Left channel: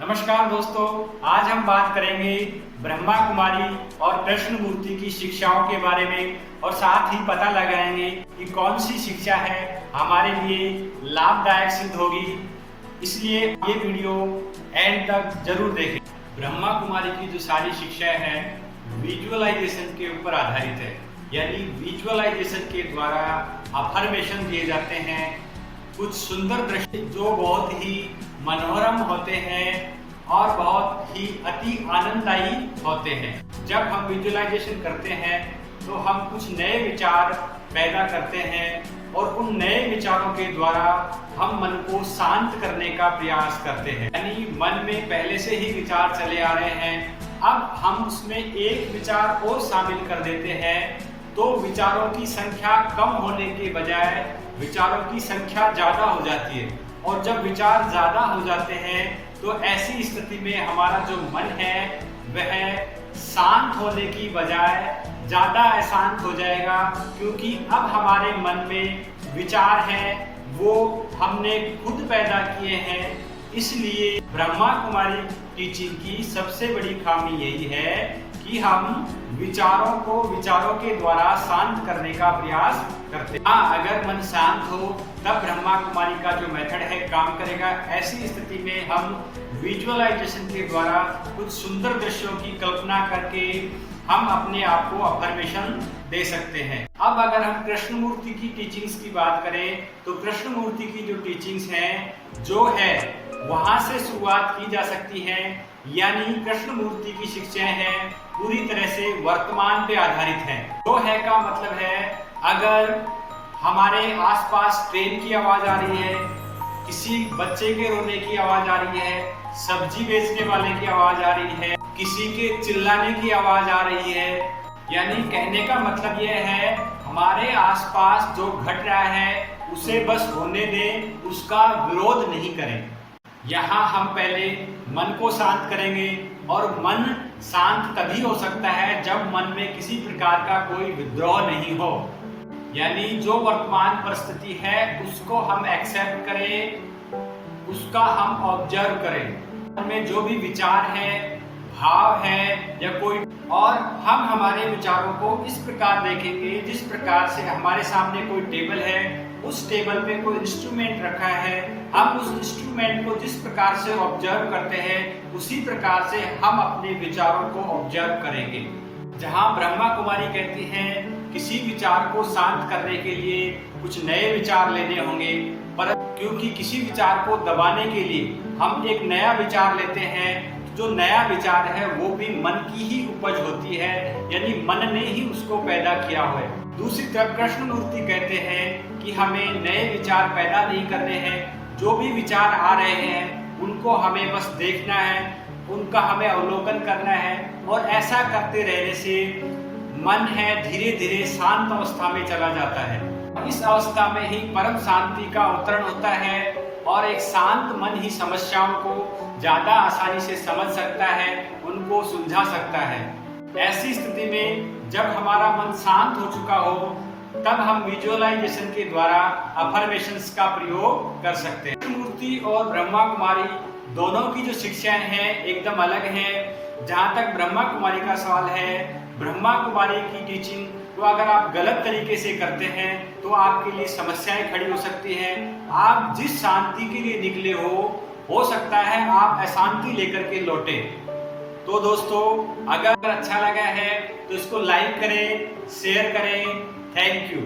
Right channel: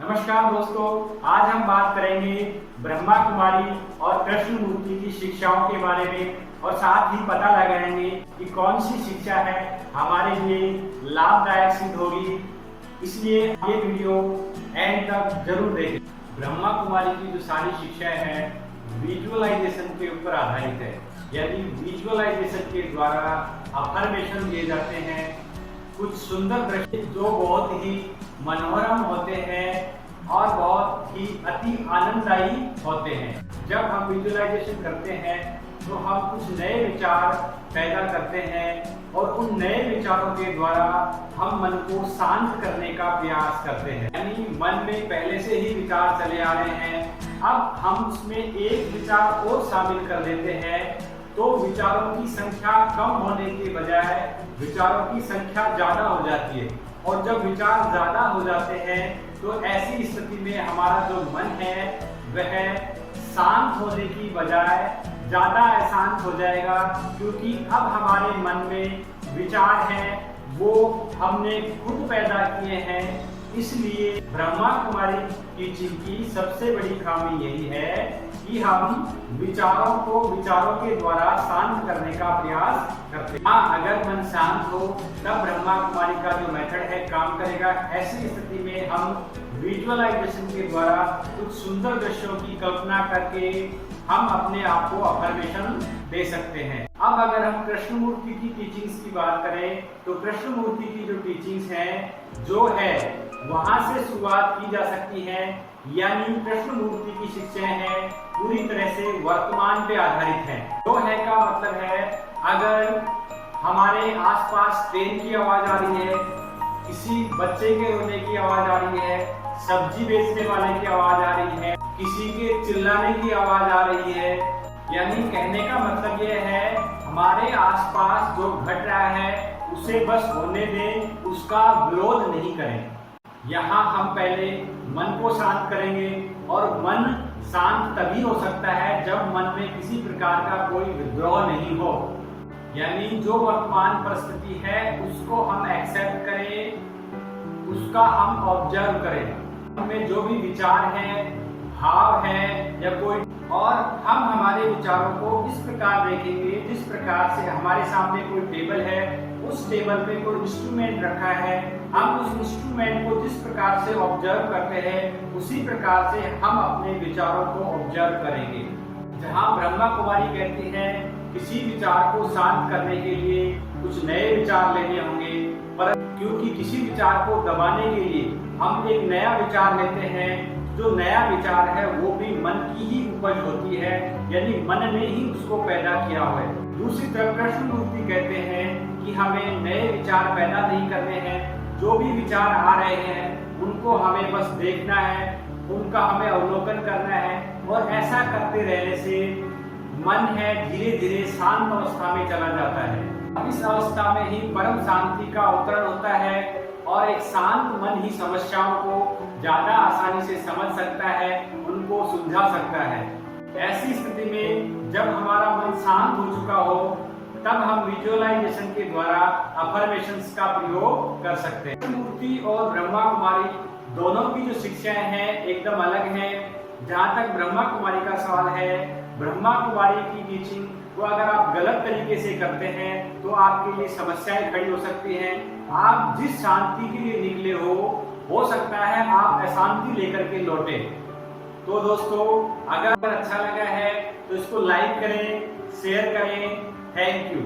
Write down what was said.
नमस्कार दोस्तों, आज हम बात करेंगे ब्रह्मा कुमारी और कृष्णमूर्ति की शिक्षाओं के बारे में और साथ ही पता लगाएंगे कि कौन सी शिक्षा है हमारे लिए लाभदायक सिद्ध होगी। इसलिए ये वीडियो एंड तक जरूर देखें। ब्रह्मा कुमारी की जो सारी शिक्षा है विजुअलाइजेशन के ऊपर आधारित है, यानी विजुअलाइजेशन के द्वारा अफर्मेशन दिए जाते हैं, कुछ सुंदर दृश्य जो बहुत ही मनोरम होते हैं और बहुत ही अति आनंददायी होते हैं। जब हम विजुअलाइजेशन करते हैं तो हम कुछ नए विचार पैदा करते हैं और उन नए विचारों के द्वारा हम मन को शांत करने का प्रयास करते हैं। यानी मन में पहले से ही विचार चले आ रहे हैं, अब हम उसमें एक विचार और शामिल कर देते हैं, तो विचारों की संख्या कम होने के बजाय विचारों की संख्या ज्यादा हो जाती है। और जब विचार ज्यादा हो जाते हैं तो ऐसी स्थिति में हमारा जो मन है वह शांत होने की बजाय ज्यादा अशांत हो जाएगा, क्योंकि अब हमारे मन में विचार हैं वो हमने खुद पैदा किए हैं। इसलिए ब्रह्मा कुमारी टीचिंग की सबसे बड़ी खामी यही है कि हम विचारों को विचारों के द्वारा शांत करने का प्रयास करते हैं। अगर मन शांत हो तब ब्रह्मा कुमारी का जो मेथड है काम करेगा। ऐसी स्थिति में हम विजुअलाइजेशन के द्वारा कुछ सुंदर दृश्यों की कल्पना करके हम अपने आप को अफर्मेशन दे सकते हैं। अब अगर हम कृष्णमूर्ति की टीचिंग्स की बात करें तो कृष्णमूर्ति की जो टीचिंग्स हैं जो है वहां से शुरुआत की जा सकती है। यानी कृष्णमूर्ति की शिक्षाएं हैं पूरी तरह से वर्तमान पे आधारित हैं। जो है का मतलब है, अगर हमारे आसपास ट्रेन की आवाज आ रही है, किसी बच्चे के रोने की आवाज आ रही है, सब्जी बेचने वाले की आवाज आ रही है, किसी के चिल्लाने की आवाज आ रही है, यानी कहने का मतलब यह है हमारे आसपास जो घट रहा है उसे बस होने दें, उसका विरोध नहीं करें। यहाँ हम पहले मन को शांत करेंगे और मन शांत तभी हो सकता है जब मन में किसी प्रकार का कोई विद्रोह नहीं हो। यानी जो वर्तमान परिस्थिति है उसको हम एक्सेप्ट करें, उसका हम ऑब्जर्व करें। मन में जो भी विचार है, भाव है या कोई, और हम हमारे विचारों को इस प्रकार देखेंगे जिस प्रकार से हमारे सामने कोई टेबल है, उस टेबल पे कोई इंस्ट्रूमेंट रखा है, हम उस इंस्ट्रूमेंट को जिस प्रकार से ऑब्जर्व करते हैं उसी प्रकार से हम अपने विचारों को ऑब्जर्व करेंगे। जहाँ ब्रह्मा कुमारी कहती हैं किसी विचार को शांत करने के लिए कुछ नए विचार लेने होंगे, पर क्योंकि किसी विचार को दबाने के लिए हम एक नया विचार लेते हैं, जो नया विचार है वो भी मन की ही उपज होती है, यानी मन ने ही उसको पैदा किया हुआ है। दूसरी तरफ कृष्णमूर्ति कहते हैं कि हमें नए विचार पैदा नहीं करने हैं, जो भी विचार आ रहे हैं उनको हमें बस देखना है, उनका हमें अवलोकन करना है, और ऐसा करते रहने से मन है धीरे धीरे शांत अवस्था में चला जाता है। इस अवस्था में ही परम शांति का अवतरण होता है और एक शांत मन ही समस्याओं को ज्यादा आसानी से समझ सकता है, उनको सुलझा सकता है। ऐसी स्थिति में जब हमारा मन शांत हो चुका हो तब हम विजुअलाइजेशन के द्वारा अफर्मेशंस का प्रयोग कर सकते हैं। मूर्ति और ब्रह्मा कुमारी दोनों की जो शिक्षाएं हैं एकदम अलग हैं। जहाँ तक ब्रह्मा कुमारी का सवाल है, ब्रह्मा कुमारी की टीचिंग को अगर आप गलत तरीके से करते हैं तो आपके लिए समस्याएं खड़ी हो सकती हैं। आप जिस शांति के लिए निकले हो सकता है आप अशांति लेकर के लौटे। तो दोस्तों, अगर अच्छा लगा है तो इसको लाइक करें, शेयर करें। Thank you.